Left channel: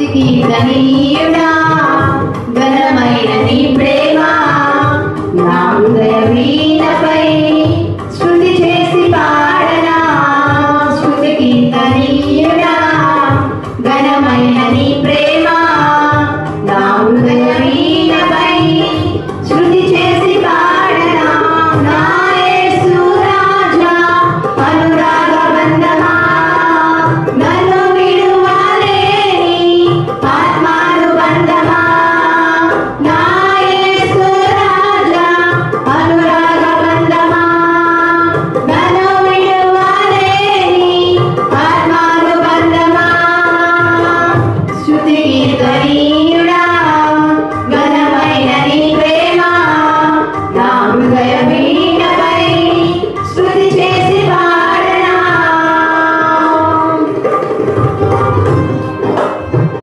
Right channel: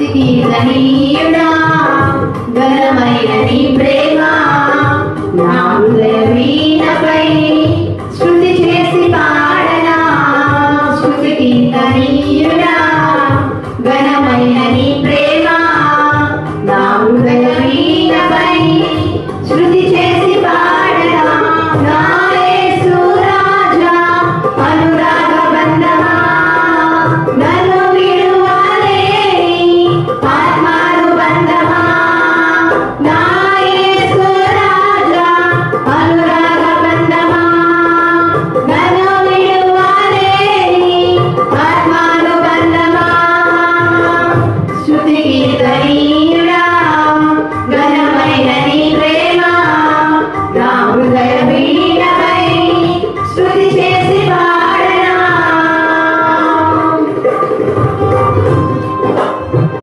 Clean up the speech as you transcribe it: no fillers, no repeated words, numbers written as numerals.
స్తుతికి ధనీయుడా ఘనమైన నీ ప్రేమ నా హృదయ వీణపై శృతి చేసి పాడనా స్తుతికి ధనీయుడా ఘనమైన నీ ప్రేమ నా హృదయ వీణపై శృతి చేసి పాడనా నా యేసు రాజా అనురాగ బంధమా నన్ను విడువలేని ఆత్మానుబంధమా నా యేసు రాజా అనురాగ బంధమా నన్ను విడువలేని ఆత్మానుబంధమా స్తుతికి ధనీయుడా